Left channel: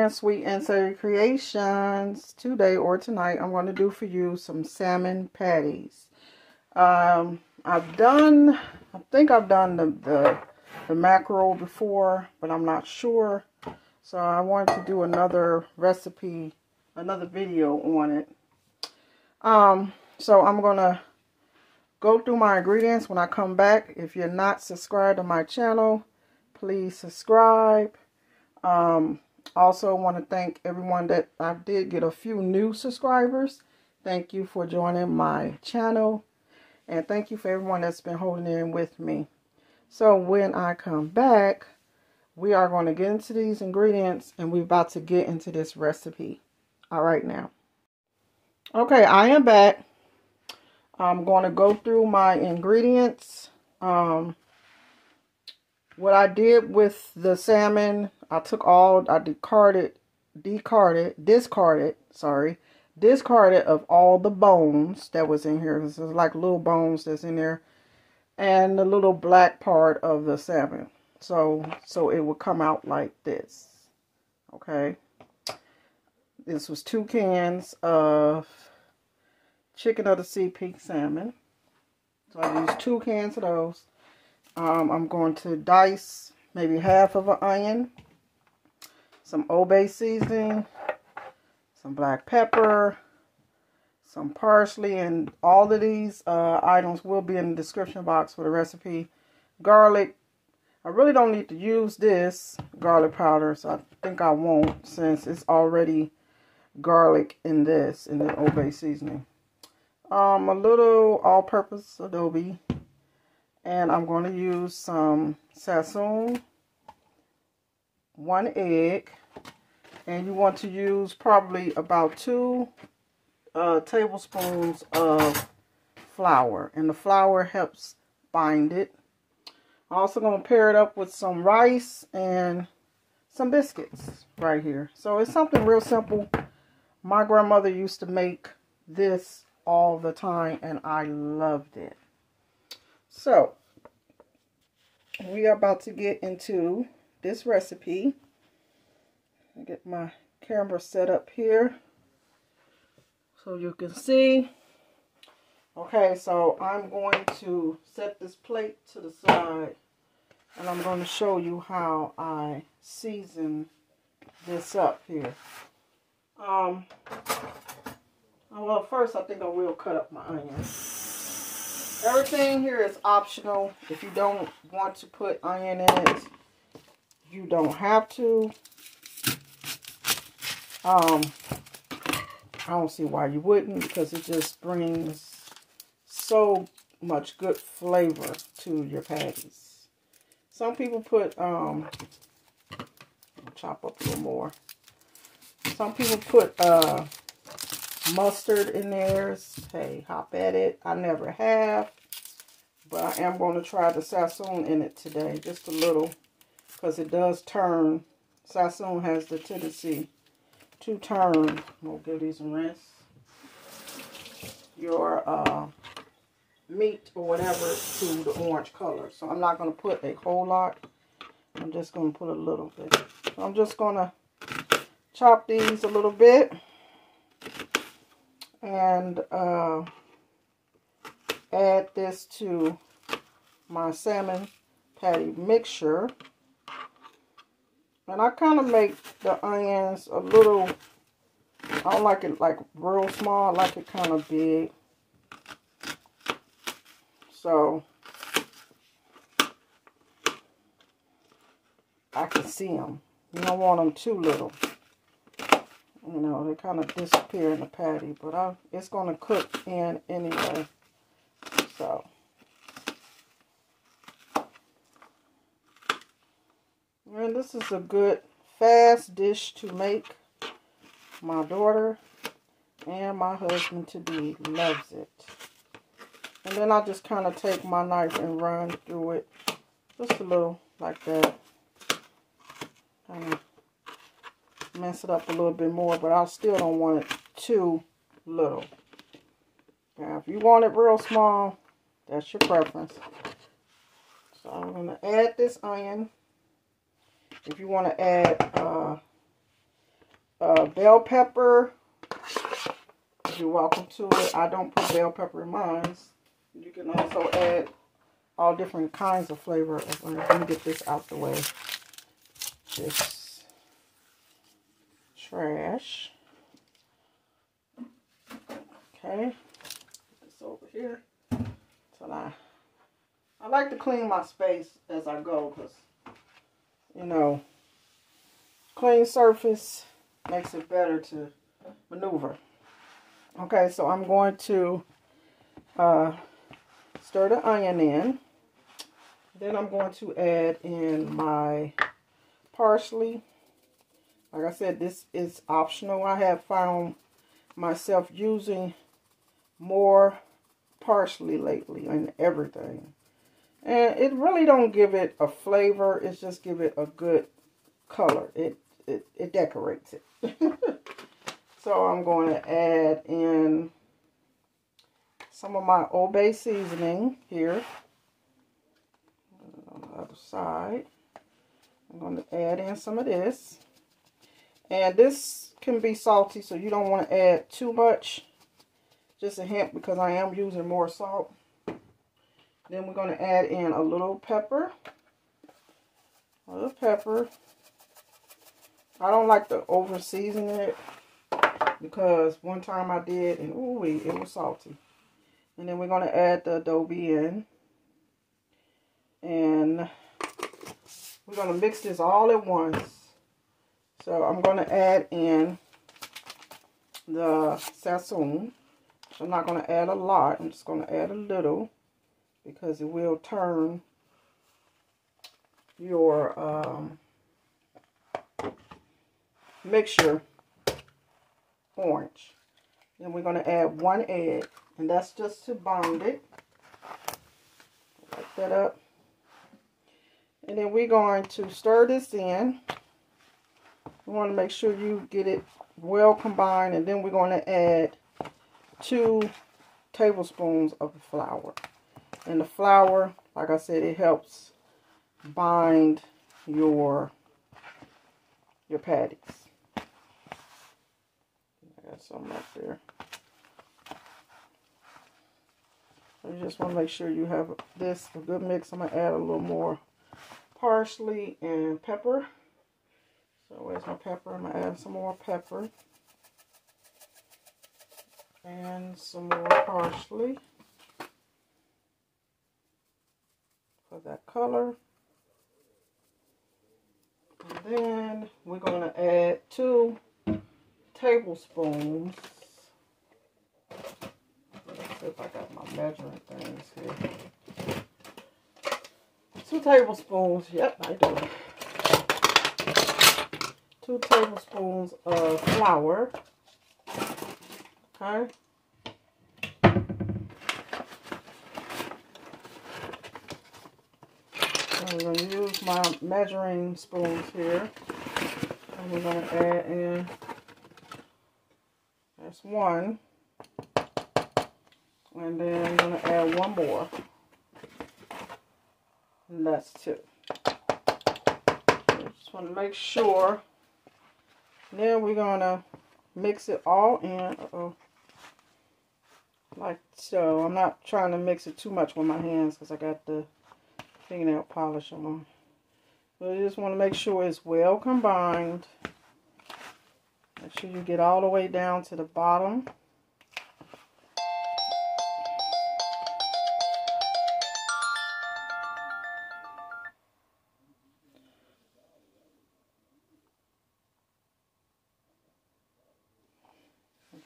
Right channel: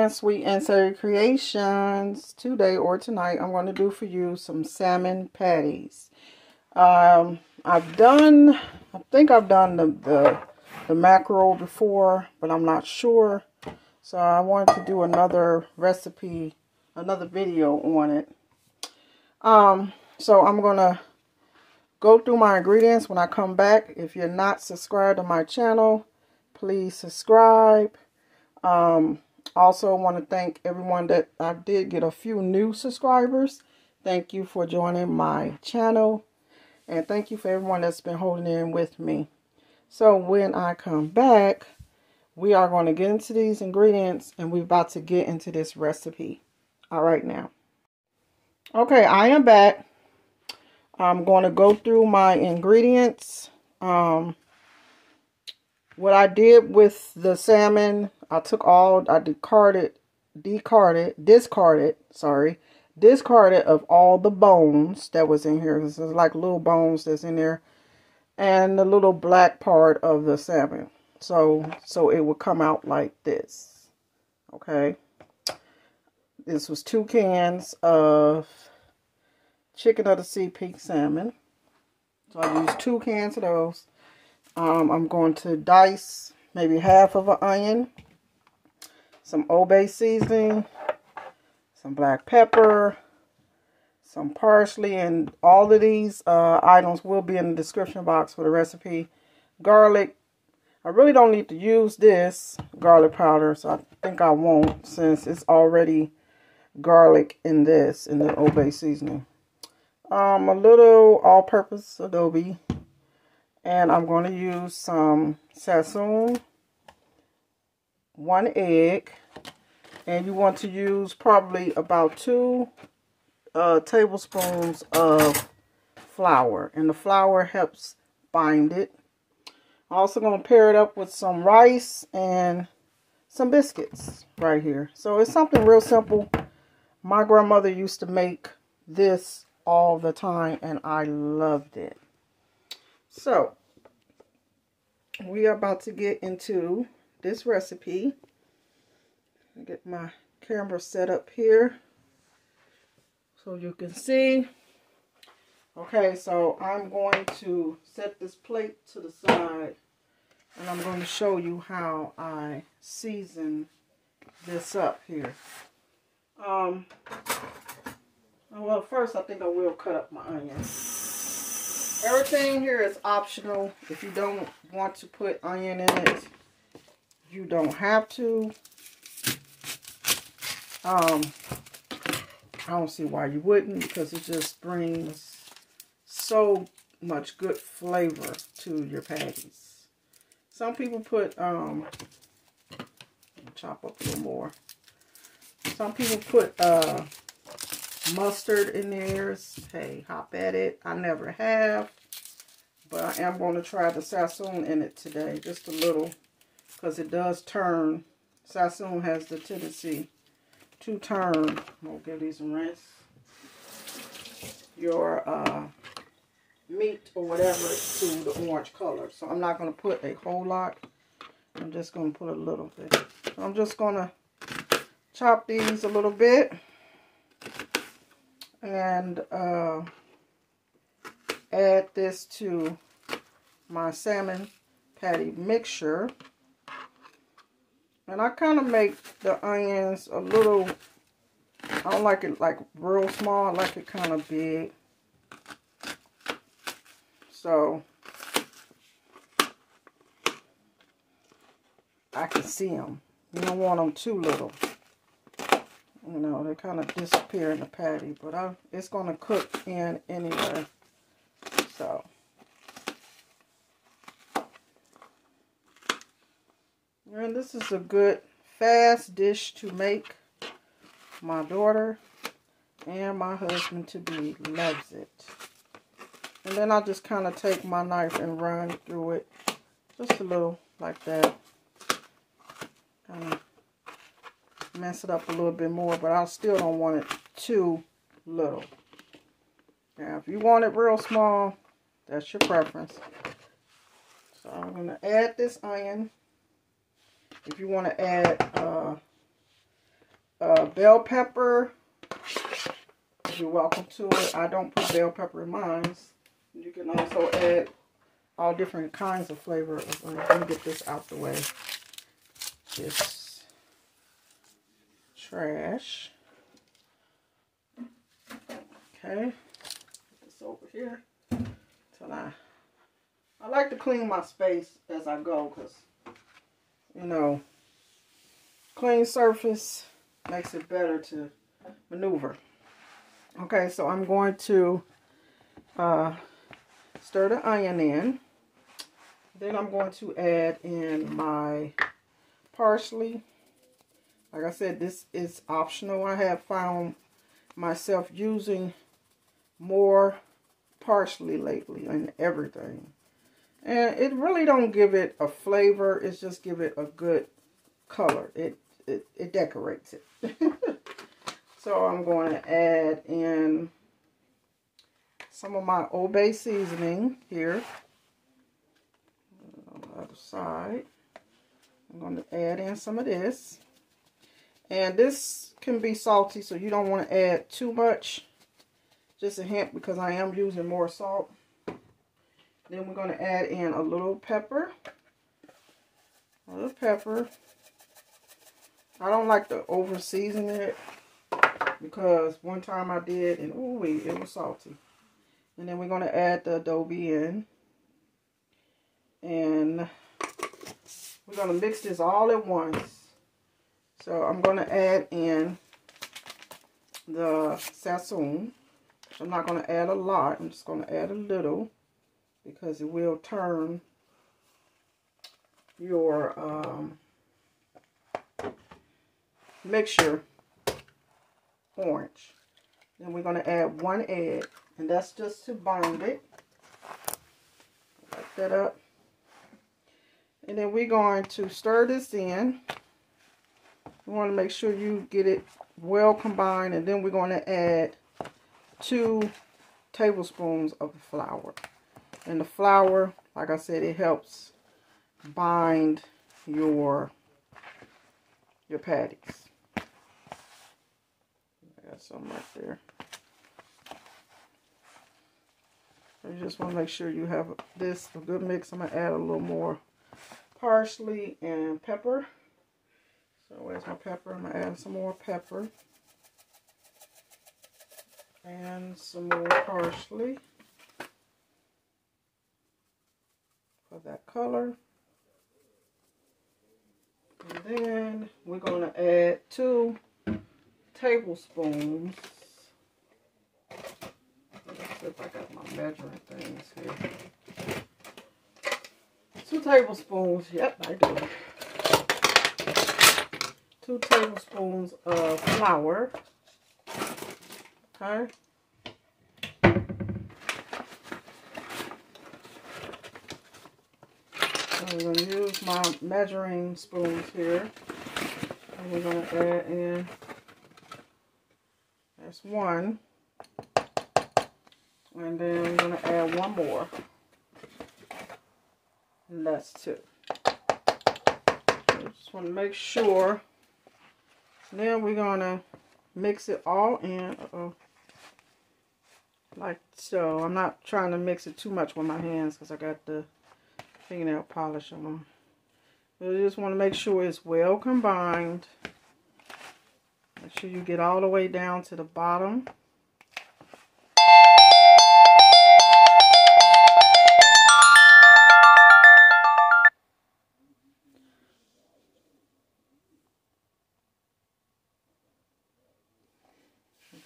friends, Sweet and Savory Creations. Today or tonight, I'm going to do for you some salmon patties. I think I've done the mackerel before, but I'm not sure. So I wanted to do another recipe, another video on it. So I'm going to go through my ingredients when I come back. If you're not subscribed to my channel, please subscribe. Also want to thank everyone that I did get a few new subscribers. Thank you for joining my channel. And thank you for everyone that's been holding in with me. So when I come back, we are going to get into these ingredients and we're about to get into this recipe. All right now. Okay, I am back. I'm going to go through my ingredients. What I did with the salmon, I discarded of all the bones that was in here. This is like little bones that's in there, and the little black part of the salmon. So it would come out like this. Okay. This was 2 cans of chicken of the sea pink salmon. So I used 2 cans of those. I'm going to dice maybe half of an onion, some adobe seasoning, some black pepper, some parsley, and all of these items will be in the description box for the recipe. Garlic. I really don't need to use this garlic powder, so I think I won't, since it's already garlic in this, in the adobe seasoning. A little all-purpose adobe. And I'm going to use some sassoon, 1 egg, and you want to use probably about 2 tablespoons of flour, and the flour helps bind it. I'm also going to pair it up with some rice and some biscuits right here. So it's something real simple. My grandmother used to make this all the time, and I loved it. So, we are about to get into this recipe. I'll get my camera set up here so you can see. Okay, so I'm going to set this plate to the side, and I'm going to show you how I season this up here. Well, first I think I will cut up my onions. Everything here is optional. If you don't want to put onion in it, you don't have to. I don't see why you wouldn't, because it just brings so much good flavor to your patties. Some people put, chop up a little more. Some people put mustard in theirs. Hey, hop at it. I never have, but I am going to try the sassoon in it today, just a little, because it does turn. Sassoon has the tendency to turn. We'll give these a rinse. Your meat or whatever to the orange color. So I'm not going to put a whole lot. I'm just going to put a little bit. So I'm just going to chop these a little bit. And add this to my salmon patty mixture. And I kind of make the onions a little, I don't like it like real small, I like it kind of big. So I can see them. You don't want them too little. You know, they kind of disappear in the patty, but it's going to cook in anyway. So, and this is a good, fast dish to make. My daughter and my husband-to-be loves it. And then I just kind of take my knife and run through it, just a little like that. Kind of mess it up a little bit more, but I still don't want it too little. Now, if you want it real small, that's your preference. So I'm going to add this onion. If you want to add bell pepper. You're welcome to it. I don't put bell pepper in mine. You can also add all different kinds of flavor. Let me get this out the way. This trash. Okay. Put this over here. So I like to clean my space as I go because, you know, clean surface makes it better to maneuver. Okay, so I'm going to stir the onion in. Then I'm going to add in my parsley. Like I said, this is optional. I have found myself using more parsley lately in everything. And it really don't give it a flavor. It's just give it a good color. It decorates it. So I'm going to add in some of my adobe seasoning here. On the other side, I'm going to add in some of this. And this can be salty, so you don't want to add too much. Just a hint, because I am using more salt. Then we're going to add in a little pepper. A little pepper. I don't like to over season it, because one time I did, and ooh, it was salty. And then we're going to add the adobe in. And we're going to mix this all at once. So I'm going to add in the sazon. I'm not going to add a lot. I'm just going to add a little, because it will turn your mixture orange. Then we're going to add 1 egg, and that's just to bind it. Light that up. And then we're going to stir this in. You want to make sure you get it well combined, and then we're going to add 2 tablespoons of flour. And the flour, like I said, it helps bind your patties. I got some up there. You just want to make sure you have this a good mix. I'm going to add a little more parsley and pepper. So where's my pepper? I'm going to add some more pepper. And some more parsley for that color. And then we're going to add 2 tablespoons. Let's see if I got my measuring things here. 2 tablespoons. Yep, I do. 2 tablespoons of flour. Okay. I'm going to use my measuring spoons here. And we're going to add in, that's 1. And then I'm going to add 1 more. And that's 2. Just want to make sure. Then we're going to mix it all in. Like so. I'm not trying to mix it too much with my hands because I got the fingernail polish on. So you just want to make sure it's well combined. Make sure you get all the way down to the bottom.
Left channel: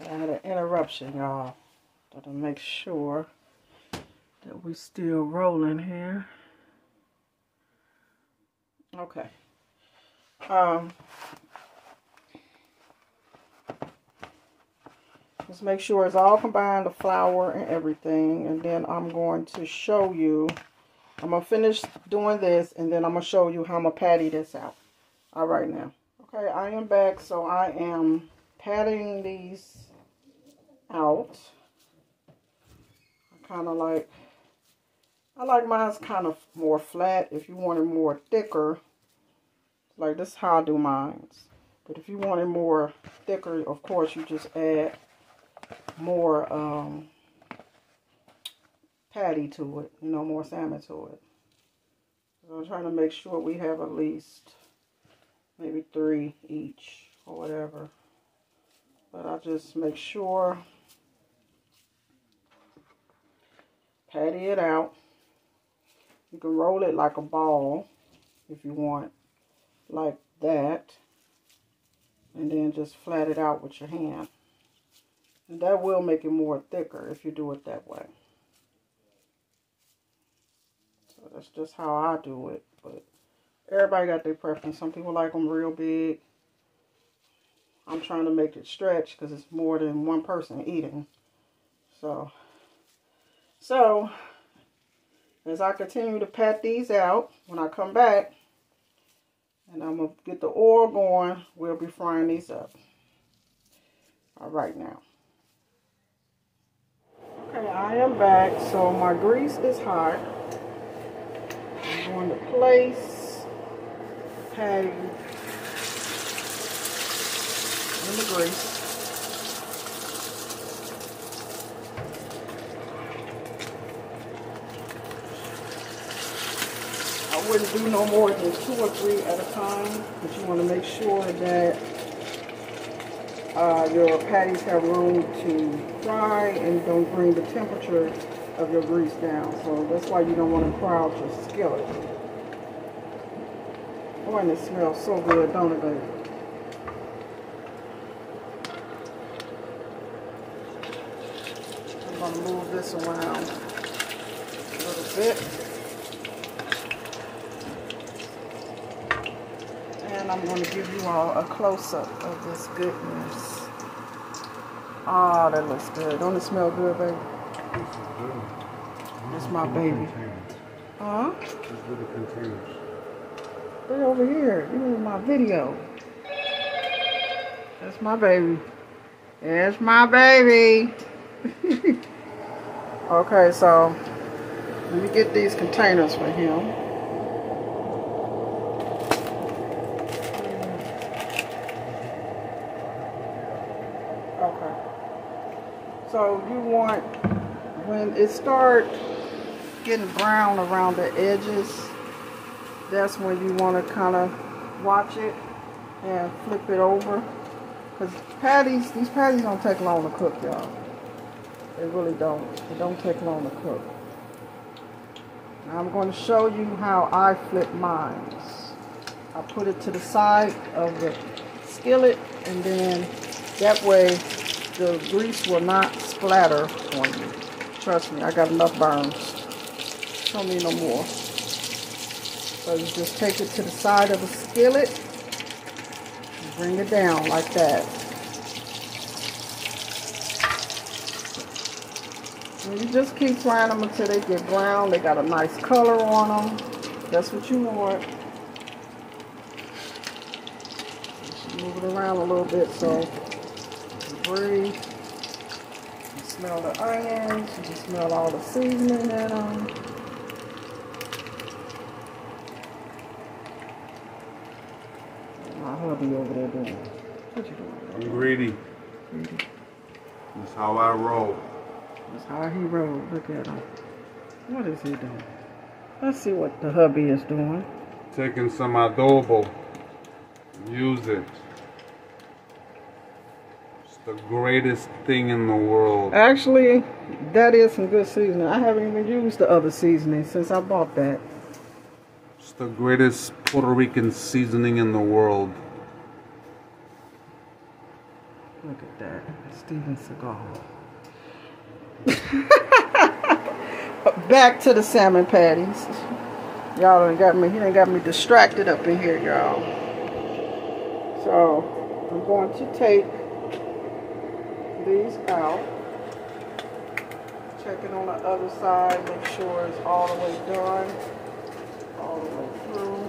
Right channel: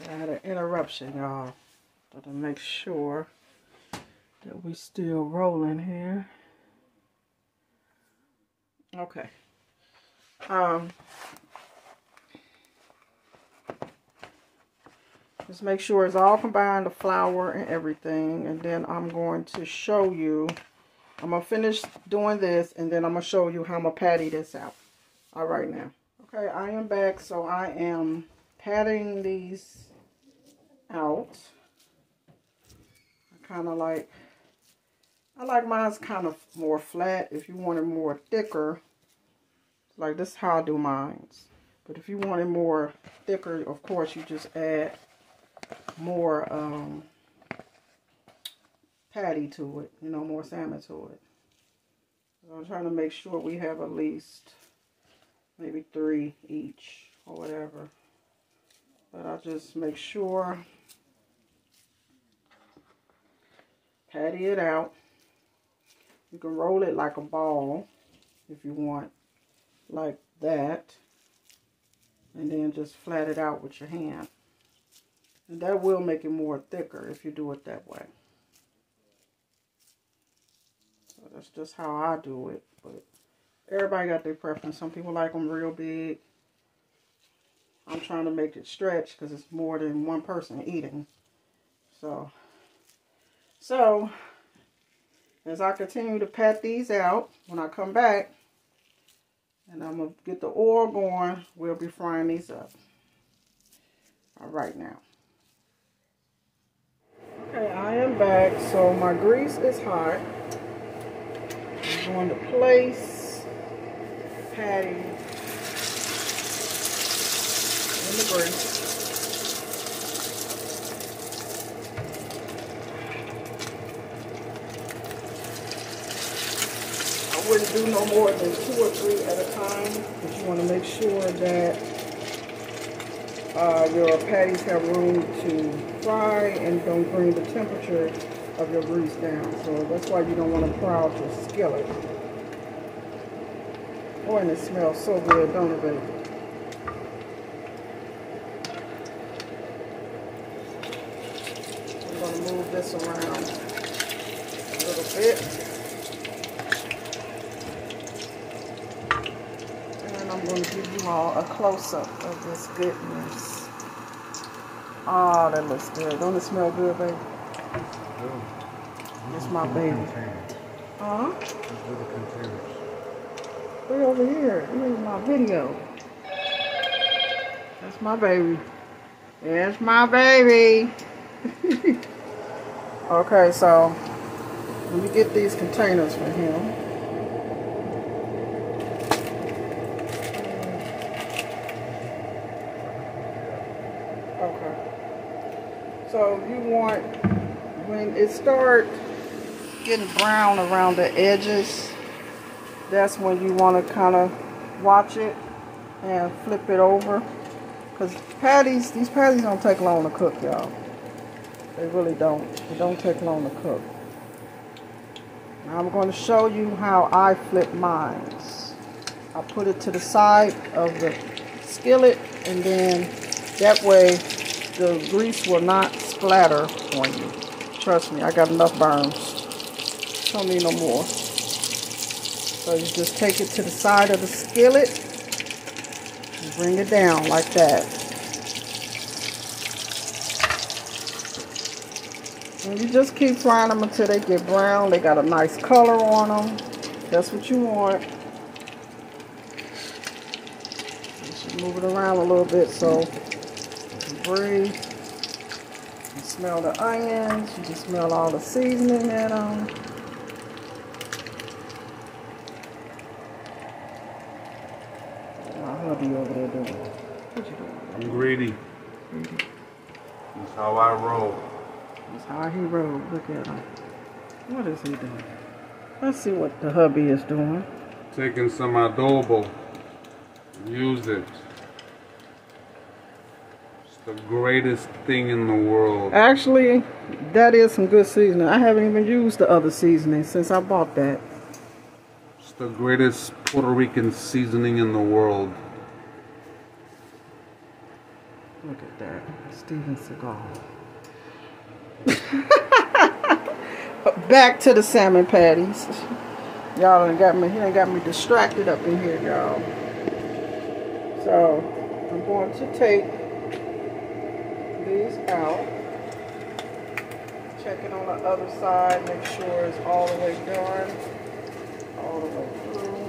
I had an interruption, y'all. To make sure that we're still rolling here. Okay. Just make sure it's all combined, the flour and everything. And then I'm going to show you. I'm going to finish doing this, and then I'm going to show you how I'm going to patty this out. All right now. Okay, I am back. So I am patting these out. I like mine's kind of more flat. If you want it more thicker, like this is how I do mine. But if you want it more thicker, of course, you just add more patty to it, you know, more salmon to it. So I'm trying to make sure we have at least maybe 3 each or whatever. But I just make sure, patty it out. You can roll it like a ball if you want, like that. And then just flat it out with your hand. And that will make it more thicker if you do it that way. So that's just how I do it. But everybody got their preference. Some people like them real big. I'm trying to make it stretch because it's more than one person eating. So as I continue to pat these out, when I come back, and I'm going to get the oil going, we'll be frying these up. All right now. Okay, I am back. So my grease is hot. I'm going to place patty in the grease. I wouldn't do no more than 2 or 3 at a time, but you want to make sure that your patties have room to fry and don't bring the temperature of your grease down. So that's why you don't want to crowd your skillet. Oh, and it smells so good, don't it, baby? I'm going to move this around a little bit. And I'm going to give you all a close-up of this goodness. Oh, that looks good. Don't it smell good, baby? It's my baby. Huh? Look over here. Look at my video. That's my baby. There's my baby. Okay, so let me get these containers for him. So you want, when it starts getting brown around the edges, that's when you want to kind of watch it and flip it over. Because these patties don't take long to cook, y'all. They really don't. They don't take long to cook. Now I'm going to show you how I flip mine. I put it to the side of the skillet, and then that way the grease will not splatter on you. Trust me, I got enough burns. Don't need no more. So you just take it to the side of the skillet and bring it down like that. And you just keep frying them until they get brown. They got a nice color on them. That's what you want. You should move it around a little bit so you breathe. You smell the onions. You can smell all the seasoning in them. My hubby over there doing. What you doing? I'm greedy. Greedy. That's how I roll. That's how he rolls. Look at him. What is he doing? Let's see what the hubby is doing. Taking some adobe. Use it. It's the greatest thing in the world. Actually, that is some good seasoning. I haven't even used the other seasoning since I bought that. It's the greatest Puerto Rican seasoning in the world. Look at that. Steven Seagal. Back to the salmon patties. Y'all done got me, he done got me distracted up in here, y'all. So, I'm going to take these out. Check it on the other side, make sure it's all the way done. All the way through.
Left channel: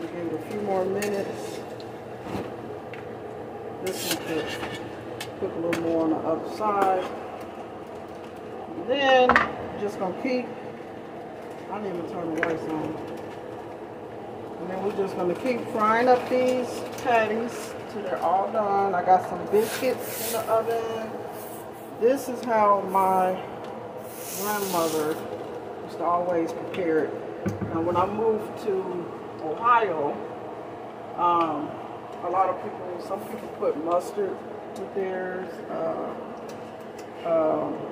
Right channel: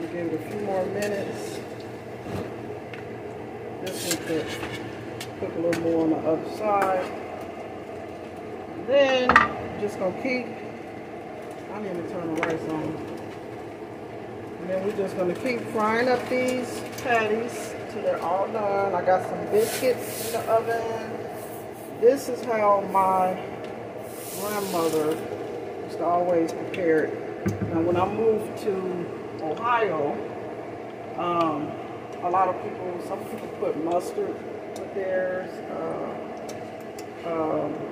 You give it a few more minutes. This one could cook a little more on the other side. And then you're just gonna keep, I need to turn the rice on. And then we're just gonna keep frying up these patties till they're all done. I got some biscuits in the oven. This is how my grandmother used to always prepare it. Now, when I moved to Ohio, a lot of people, some people put mustard with theirs,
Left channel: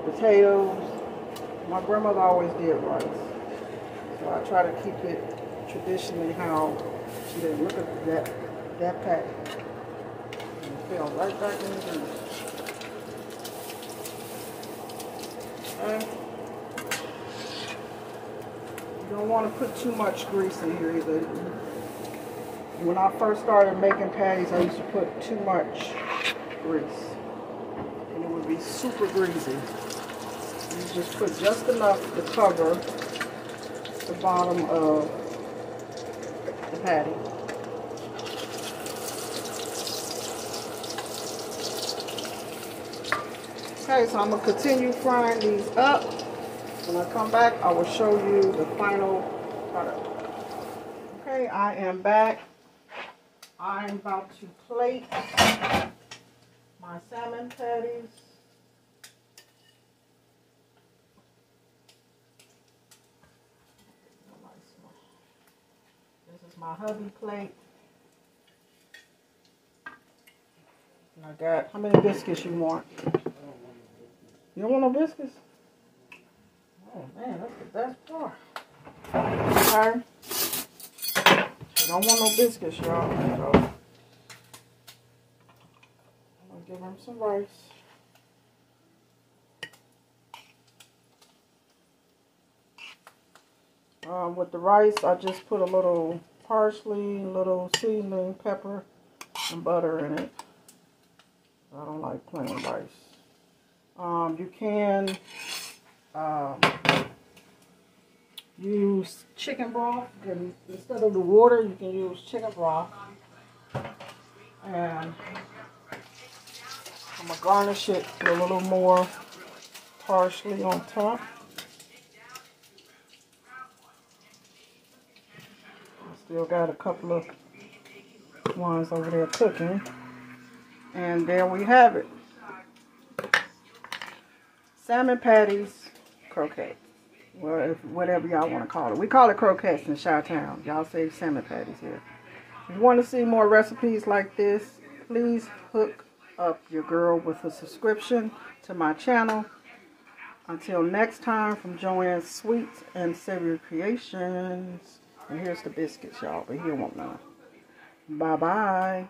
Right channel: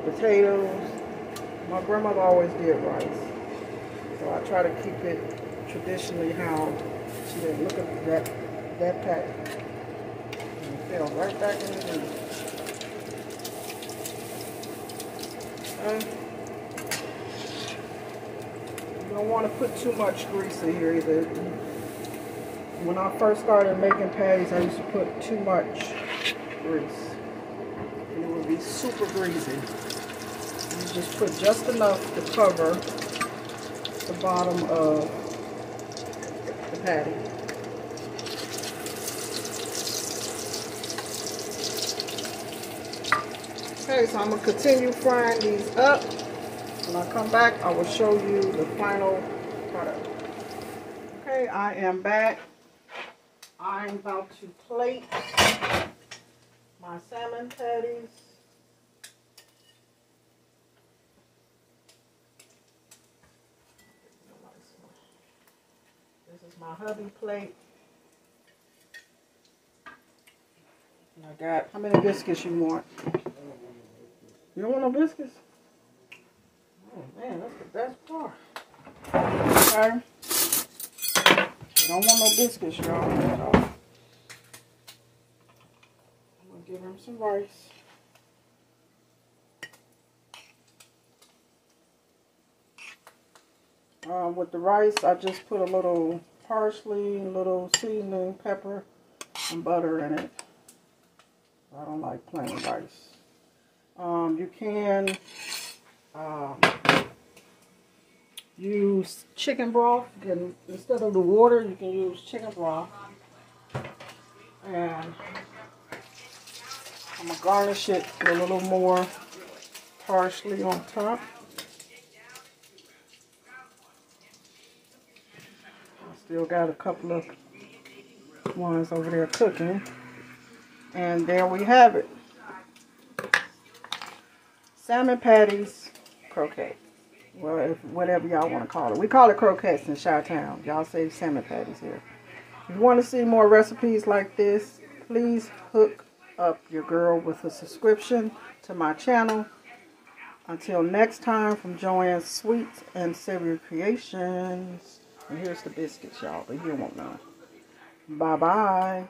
potatoes. My grandmother always did rice. So I try to keep it traditionally how she did. Look at that patty. And it fell right back in the grease. Okay. You don't want to put too much grease in here either. When I first started making patties, I used to put too much grease. And it would be super greasy. You just put just enough to cover the bottom of the patty. Okay, so I'm going to continue frying these up. When I come back, I will show you the final product. Okay, I am back. I am about to plate my salmon patties. This is my hubby plate. And I got, how many biscuits you want? You don't want no biscuits? Oh man, that's the best part. Okay. I don't want no biscuits, y'all. So I'm gonna give him some rice. With the rice, I just put a little parsley, a little seasoning, pepper, and butter in it. I don't like plain rice. You can use chicken broth, and instead of the water, you can use chicken broth. And I'm gonna garnish it with a little more parsley on top. Still got a couple of ones over there cooking. And there we have it. Salmon patties, croquette. Well, whatever y'all want to call it. We call it croquettes in Chi-Town. Y'all say salmon patties here. If you want to see more recipes like this, please hook up your girl with a subscription to my channel. Until next time, from Joanne's Sweets and Savory Creations. And here's the biscuits, y'all, but he don't want none. Bye-bye.